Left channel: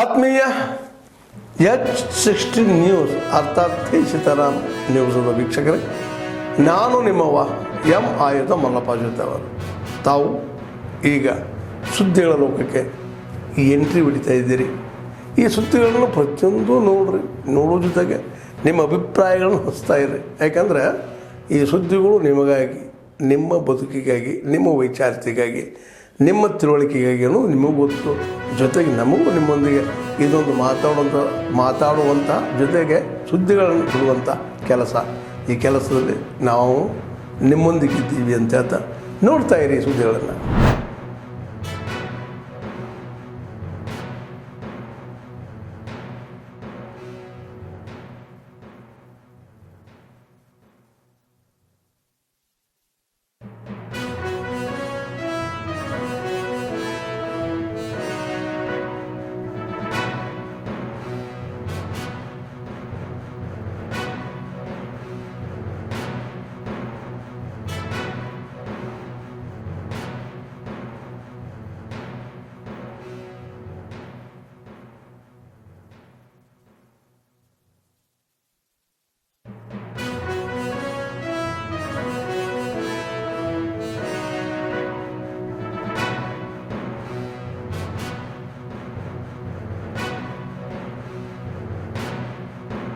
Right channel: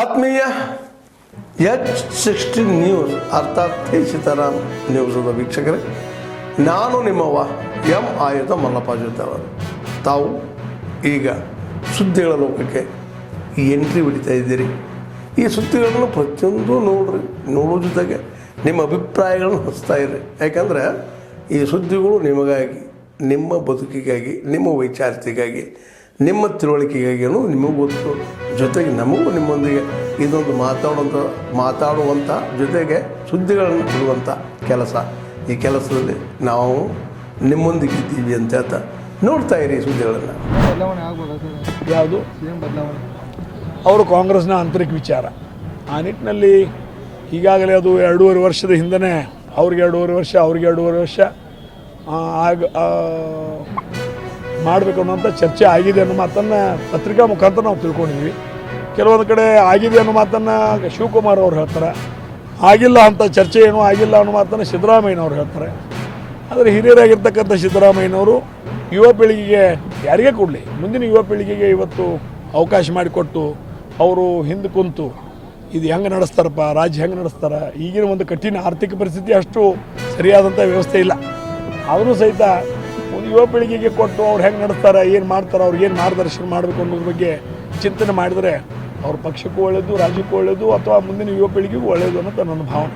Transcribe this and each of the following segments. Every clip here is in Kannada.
ಆತ್ಮೀಯ H16 ನ್ಯೂಸ್ ಅರ್ಥಾತ್ ಸೀತಾರಾಮ್ ನ್ಯೂಸದ ವೀಕ್ಷಕರೇ, ನಾನು ನಿಮ್ಮವ ಎಂ ಆಯುಧ ಮಲ್ಲಪ್ಪ ಜೊತೆ ಅವರು. ತಾವು ಈಗ ಸುದ್ದಿಗಳ ಲೋಕಕ್ಕೆ ಎಂಟ್ರಿ ಹೊಡಿತಾ ಇದ್ದೀರಿ. ಈ ಸುದ್ದಿಗಳನ್ನು ಪ್ರತಿಯೊಂದು ನೋಡೋ ಜೊತೆಗೆ ನಿಮ್ಮ ಅಭಿಪ್ರಾಯಗಳನ್ನು ಹಚ್ತಾ ಇರ್ರಿ. ಯಾಕಂದರೆ ಈ ಸುದ್ದಿಗಳು ನಿಮಗಾಗಿ, ನಿಮ್ಮ ಬದುಕಿಗಾಗಿ, ನಿಮ್ಮ ವೈಚಾರಿಕೆಗಾಗಿ, ನಿಮ್ಮ ತಿಳುವಳಿಕೆಗಾಗಿಯೂ ನಿಮಗೂ ಗೊತ್ತು, ಜೊತೆಗೆ ನಮಗೂ ನಿಮ್ಮೊಂದಿಗೆ ಇದೊಂದು ಮಾತಾಡುವಂಥ ಜೊತೆಗೆ ಸುದ್ದಿಗಳನ್ನು ಬಿಡುವಂಥ ಕೆಲಸ. ಈ ಕೆಲಸದಲ್ಲಿ ನಾವು ನಿಮ್ಮೊಂದಿಗಿದ್ದೀವಿ ಅಂತ ಹೇಳ್ತಾ ನೋಡ್ತಾ ಇರಿ ಸುದ್ದಿಗಳನ್ನು. ಯಾವುದು ಅವರು ಕಾಂಗ್ರೆಸ್ನ ಆಂತರಿಕ ವಿಚಾರ. ಆ ನಿಟ್ಟಿನಲ್ಲಿ ಈಗಾಗಲೇ ಅದು 2.5 ವರ್ಷದ ಹಿಂದೆ ಅವ್ರಿಗೆ 2.5 ವರ್ಷ, ಅವ್ರಿಗೆ 2.5 ವರ್ಷ ಮಾಡಬೇಕು ಅನ್ನೋಂಥ ಚರ್ಚೆ ಆಗಿದೆ ಅನ್ನೋ ಮಾತನ್ನು ಪತ್ರಿಕಾ ಮುಖಾಂತರ ನಾವು ತಿಳ್ಕೊಂಡಿದ್ವಿ. ಕೆಲವೊಂದು ಕಡೆ ಆಗಿದೆ ಅನ್ನೋ ಮಾತನ್ನು ಶಿವಕುಮಾರ್ ಅವ್ರು ಹೇಳ್ತಾರೆ, ಆಗಿಲ್ಲ ಅಂತ ಚರ್ಚೆ ಏನೂ ಆಗಿಲ್ಲ ಅನ್ನೋ ಮಾತನ್ನು ಸಿದ್ದರಾಮಯ್ಯನವ್ರು ಹೇಳ್ತಾರೆ. ಆದರೆ ಹಿರಿಯರಾಗಿರ್ತಕ್ಕಂಥ ಸಿದ್ದರಾಮಯ್ಯನವರು ಯುವ ಪೀಳಿಗೆಗೆ ಯಾರಿಗೇ ಕೊಡಲಿ, ಮುಂದಿನ ಯುವ ಪೀಳಿಗೆಗೆ ಇವತ್ತು ಅವಕಾಶ ಮಾಡಿಕೊಟ್ಟು ಅವರು ಹಿಂದೆ ಕುಂತು ಇದು ಹೆಂಗೆ ನಡೆಸ್ತಾರಪ್ಪ, ರಾಜ್ಯ ಹೆಂಗೆ ನಡೆಸ್ತಾರೆ, ಈಗಿನ ಒಂದು ಕಠಿಣ ಆರ್ಥಿಕ ಪರಿಸ್ಥಿತಿ ಅಷ್ಟು ಸರಿಯಾದಂಥ ವ್ಯವಸ್ಥೆ ಇಲ್ಲ, ಅವರು ಸಹಿತ ಒಂದು ಯುವ ಪೀಳಿಗೆಗೆ ಕೊಟ್ಟು ಅವ್ರು ಹೆಂಗೆ ನಡೆಸ್ತಾರೆ, ಏನು ಮಾಡ್ತಾರೆ, ಅವ್ರಿಗೆ ಏನು ಮಾರ್ಗದರ್ಶನ ಮಾಡಬೇಕು ಅನ್ನೋದ್ರ ಬಗ್ಗೆ ಚಿಂತನೆ ಮಾಡಿದರೆ ಅವ್ರ ಪಕ್ಷಕ್ಕೂ ಒಳ್ಳೆಯದು, ರಾಜ್ಯಕ್ಕೂ ಒಳ್ಳೆಯದು, ಅಥವಾ ಮುಂದಿನ ಯುವ ಪೀಳಿಗೆಗೂ ಒಳ್ಳೆಯದು ಅನ್ನೋದು ನನ್ನ ಭಾವನೆ.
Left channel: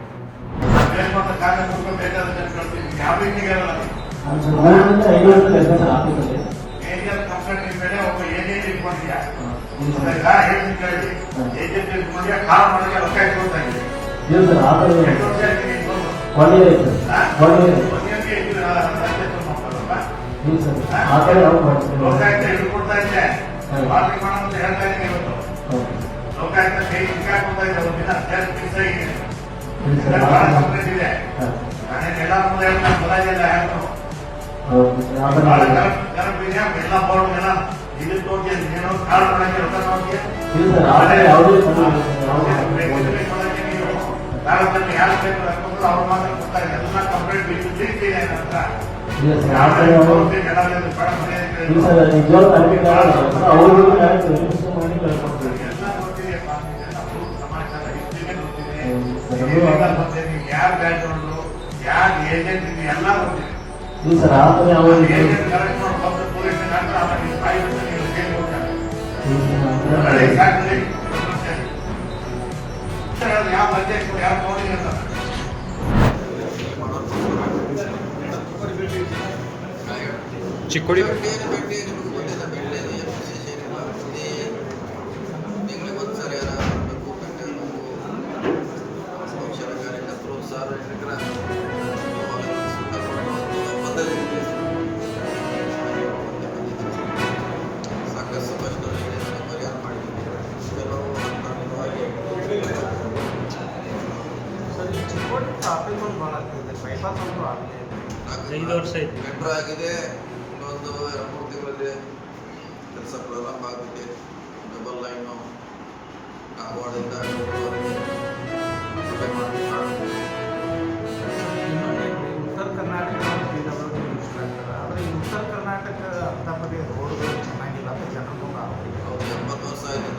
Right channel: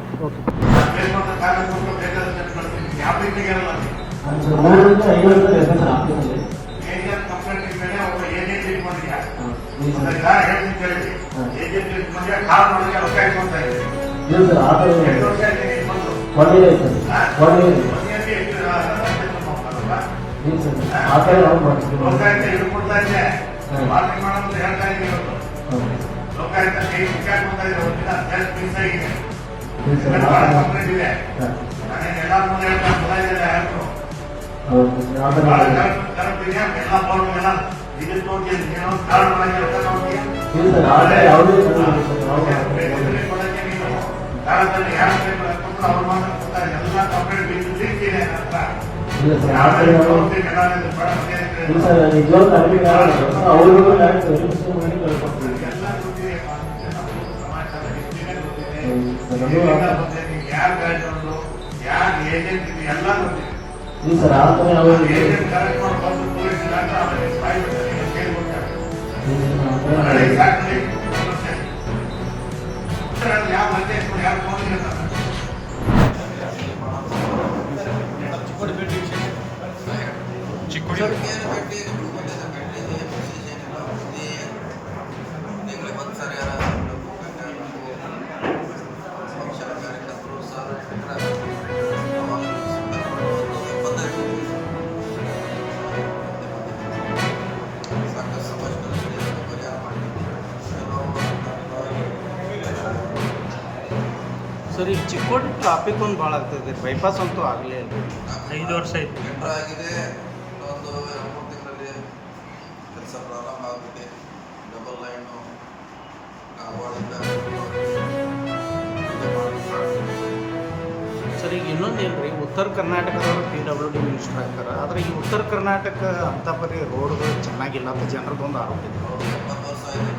ಚಿಕ್ಕೋಡಿ ಭೇಟಿ ಗೊತ್ತಿದೆ, ಭೇಟಿ ಏನು ವಿಶೇಷ ಏನಿಲ್ಲ. ಪ್ರತಿ ತಿಂಗಳಿಗೆ ಒಂದು ಸಾರಿ ಯಾರು ಬರಬೇಕು, ಭೇಟಿಯಾಗಬೇಕು. ನಮ್ಮ ಪಕ್ಷದ ಕಾರ್ಯಕರ್ತರು ಸಾರ್ವಜನಿಕರ ಒಂದು ಪದ್ಧತಿ ಸಾಕಷ್ಟು ಸಂಭಾಷಣೆ ಕಡೆಯನ್ನು ಪರಿಹಾರ ಮಾಡಿದ್ದೀವಿ. ಕೆಲವು ಸರಿ, ಚಿಕ್ಕೋಡಿ ಟ್ರಾಫಿಕ್ ಒಂದು ಭಾಳ ಆಗ್ತದೆ, ಬೈಪಾಸ್ ಅಂತೂ ಆಗಲಿ 5 ವರ್ಷ ಆಯಿತು, ಟೆಂಡರ್ ಆಗಿದೆ. ಇನ್ನೊಂದು 2-3 ತಿಂಗಳಲ್ಲಿ ಕೆಲಸ ಪ್ರಾರಂಭ ಆಗುತ್ತೆ. ಡಬಲ್ ಲೈನು ಕಾಗವಾಡಿಂದ ಸರಿ. ಇನ್ನೊಂದು ಹೇಳ್ರಿ, ಉತ್ತರ ಕರ್ನಾಟಕದಲ್ಲಿ PWD ಮಿನಿಸ್ಟರ್ ಆಗ್ತಾರೆ, ಆದರೆ ಈ ಉತ್ತರ ಕರ್ನಾಟಕ ಅಂತ ಬರೀ ರೋಡ್ಗಳು ಚೆನ್ನಾಗಿಲ್ಲ ಅಂತ ಜನರಿಗೊಂದು ಆಗ್ತದೆ. ಅವರು 70 ವರ್ಷ ಆಯಿತು.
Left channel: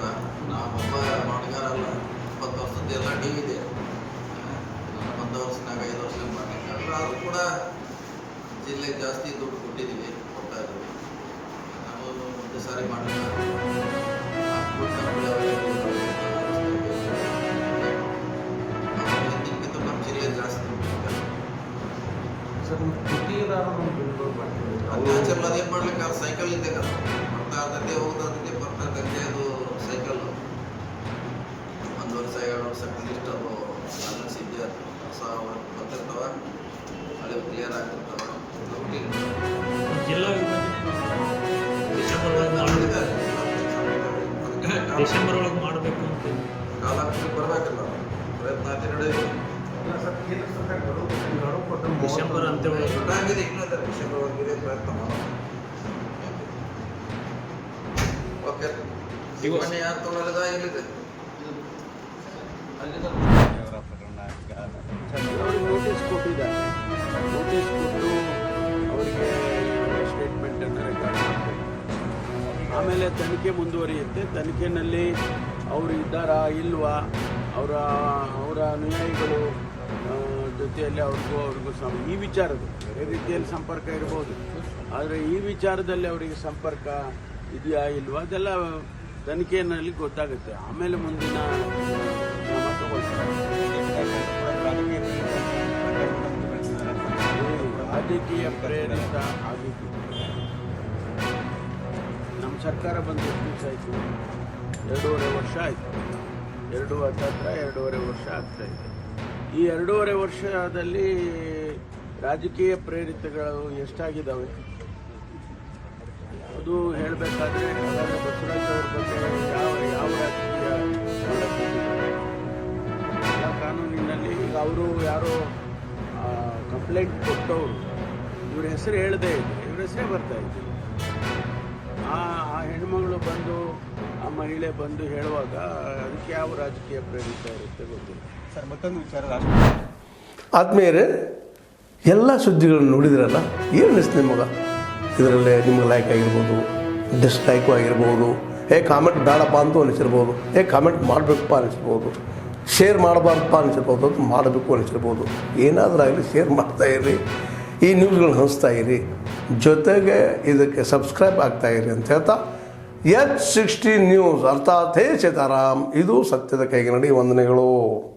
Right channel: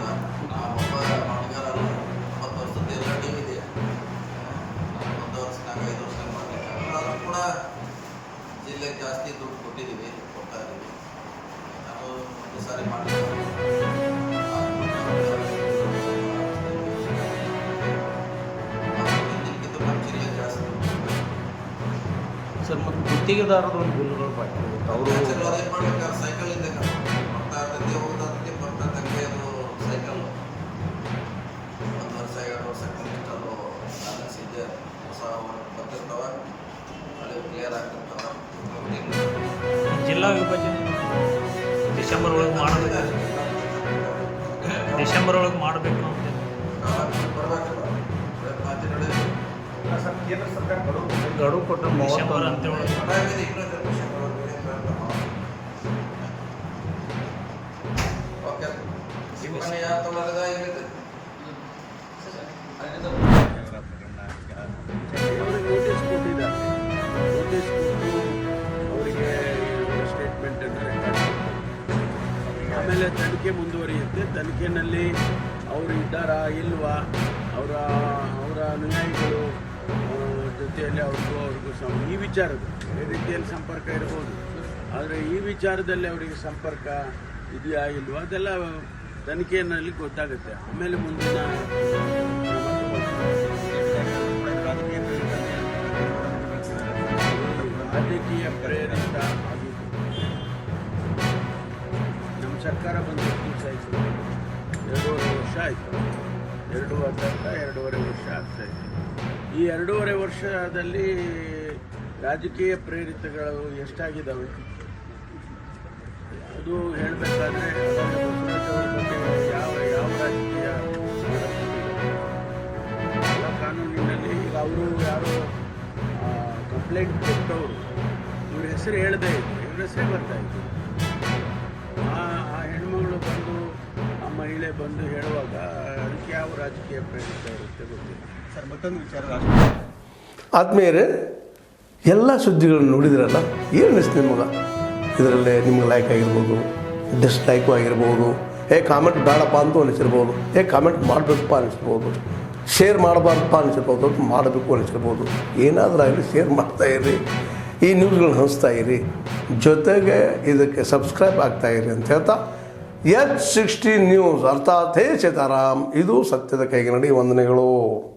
ನಾವು ಒಬ್ಬ ಮಣಿಗಾರ ಅಲ್ಲ, 20 ವರ್ಷದ ಎಲ್ಲ ಟೀಮ್ ಇದೆ. 1 ವರ್ಷನಾಗ 5 ವರ್ಷನಾಗ ಮಾಡಲಿಕ್ಕೆ ಆಗಲ್ಲ. ಆದರೂ ಕೂಡ ಜಿಲ್ಲೆಗೆ ಜಾಸ್ತಿ ದುಡ್ಡು ಕೊಟ್ಟಿದ್ದೀವಿ, ಕೊಡ್ತಾ ಇದ್ದೀವಿ. ನಾವು ಒಂದು ಸಾರಿ ಮಾಡಲಿಕ್ಕೆ ಹಿಂದಿನಕ್ಕಿಂತ ನಮ್ಮ ಜಿಲ್ಲೆಗೆ ಜಾಸ್ತಿ ದುಡ್ಡು ಕೊಡ್ತಾರೆ. ಸರ್, ಮತ್ತು ಗುತ್ತಿಗೆದಾರರು ಬಿಲ್ಗಳು ಬಾಕಿ ಅದೇನು ಮಾಡ್ಲಿಕ್ಕೆ ಸೈಕಲ್ ಇದೆ, ಬರ್ತಾ ಇರ್ತೈತೆ, ಹೋಗ್ತಾ ಇರ್ತೈತೆ, ಬರ್ತಾ ಇದ್ದಂಗೆ ಅದು ಸೈಕಲ್ 1 ವರ್ಷ 2 ವರ್ಷ ಕನಿಷ್ಠ ಅದು ಬ್ಯಾಲೆನ್ಸ್ ಇದೆ. ಹೊಸ ವರ್ಕ್ ಬರ್ತಿರ್ತಾವೆ, ಅಲ್ಲಿ ಕ್ಲಿಯರ್ ಆಗ್ತಿರ್ತಾವೆ. ಜಿಲ್ಲಾ ವಿಭಾಗ ಡಿಸೆಂಬರ್ ಒಳಗೆ ಮಾಡಬೇಕು ಅಂತ ಕಾಲ ಬರಬೇಕಲ್ಲ, ಪ್ರಯತ್ನ ಆಯ್ತು ನಡೆಯಿದೆ. ಗಡುವು ಕೊಟ್ಟು ಡಿಸೆಂಬರ್ ಅಂತ ಆಗಿದೆ, ಇನ್ನೂ ಇದೆ ಡಿಸೆಂಬರ್ವರೆಗೆ ಪ್ರಯತ್ನ ಮಾಡೋದು. ಓಕೆ, ಸಿಬ್ಬಂದಿ ಯಾರು ತೊಗೊಳ್ಳೋದ ಎಲ್ಲಿದೆ? ಅವರಿಗೆ ನೋಟಿಸ್ ಕೊಟ್ಟಿದ್ದಾರೆ. ನೋಟಿಸ್ ಕೊಟ್ಟು ಅವರಿಗೆ ಸ್ಟೇಟ್ಮೆಂಟನ್ನು ರೆಕಾರ್ಡ್ ಮಾಡಬೇಕು. ಆಮೇಲೆ ತನಿಖೆ ಮುಂದುವರಿಯುತ್ತೆ. ತನಿಖೆಯಲ್ಲಿ ಅವರು ಇದ್ದಾರಾ ಇಲ್ವಾ, ಅವರ ಅನುಯಾಯಿಗಳು ಜೊತೆಯಲ್ಲಿ ಅವ್ರಿಗೂ ಈ ವಿಚಾರದ ಬೇರೆ ರೀತಿಯಲ್ಲಿ ಸಂಪರ್ಕ ಇರ್ಬೋದು, ಆದರೆ ಈ ವಿಚಾರದಲ್ಲಿ ಅವರಿಗೆ ಸಂಪರ್ಕ ಇದೆಯಾ ಇಲ್ವಾ ಅದೆಲ್ಲ ತನಿಖೆಯಲ್ಲಿ ಗೊತ್ತಾಗುತ್ತೆ. ಆಮೇಲೆ ಮುಂದಿನ ಕ್ರಮ ತಗೊಳ್ತಾರೆ. ರಾಜಕೀಯ ಪ್ರೇರಿತ ಆಗಿದ್ದು ನಮ್ಮ ಸರ್ಕಾರ ಬಂದು ಎಷ್ಟು ದಿವಸ ಆಯಿತು? 2.5 ವರ್ಷ ಆಯಿತು. 2.5 ವರ್ಷ ಆಗ್ತಾ ಇದೆ. ಈ 2.5 ವರ್ಷದಲ್ಲಿ ರಾಜಕೀಯ ಪ್ರೇರಿತಗಳು ಎಷ್ಟಾಗಿದ್ದಾವೆ ಅದು ಹೇಳಬೇಕಾದ್ರೆ ಹಾಗಾದರೆ ಬಸವರಾಜ್ ಅವ್ರ ಬಗ್ಗೆ ಯಾವ ರಾಜಕೀಯ ಮಾಡಕ್ಕೆ ಹೋಗಿದ್ದಾರೆ? ಎಲ್ಲ ಕಾನೂನಿನಲ್ಲಿ ಈಗ ಅವರು ಯಾರೋ ಕಂಪ್ಲೇಂಟ್ ಕೊಟ್ಟವರು ಇವ್ರ ಹೆಸರು ಹೇಳದೇ ಇದ್ರು, ಇವ್ರ ಹೆಸರೇ ಬರ್ತಾ ಇದ್ದಿಲ್ಲ. ಆ ಹೆಣ್ಮಗಳು ಬಂದು ಆ ಮಹಿಳೆ ಬಂದು ಹೇಳುವಾಗ ಅದಕ್ಕೆ ಯಾವ ರಾಜಕೀಯ ಪ್ರೇರಿತ ಇರುತ್ತೆ ಗೊತ್ತಿಲ್ಲ. ಸರ್, ಮತ್ತೊಂದು ವಿಚಾರ, ಆದ್ಮೇಲೆ ಎಲ್ಲ ಸುದ್ದಿಗಳನ್ನು ನೋಡಿದ್ರಲ್ಲ, ಏನು ಅನಿಸ್ತು ನಿಮಗೆ? ಇದರಲ್ಲೇ ನಿಮ್ಗೆ ಲೈಕ್ ಆಗಿರ್ಬೋದು, ಡಿಸ್ಲೈಕು ಆಗಿರ್ಬೋದು, ಕಾಮೆಂಟ್ ಬೇಡಪ್ಪ ಅಂತೂ ಅನಿಸಿರ್ಬೋದು, ಕಾಮೆಂಟ್ ಮಾಡಬೇಕಪ್ಪ ಅನಿಸಿರ್ಬೋದು, ಶೇರ್ ಮಾಡಬಾರ್ದಪ್ಪ ಅನಿಸಿರ್ಬೋದು, ಅದು ಮಾಡಬೇಕು ಅನಿಸಿರ್ಬೋದು. ಏನಾದರೂ ಆಗಲಿ ಶೇರ್ ಮಾಡ್ತಾಯಿರಿ, ಈ ನ್ಯೂಸ್ಗಳನ್ನ ಹಂಚ್ತಾ ಇರಿ, ಜೊತೆಗೆ ಇದಕ್ಕೆ ಸಬ್ಸ್ಕ್ರೈಬ್ ಆಗ್ತಾಯಿರಿ ಅಂತ ಹೇಳ್ತಾ H16 ನ್ಯೂಸ್ ಅರ್ಥಾತ್ ಹೇ ಸೀತಾರಾಮ್, ಇದು ಸತ್ಯದ ಕೈಗೆ ನಡಿ. ವಂದನೆಗಳು.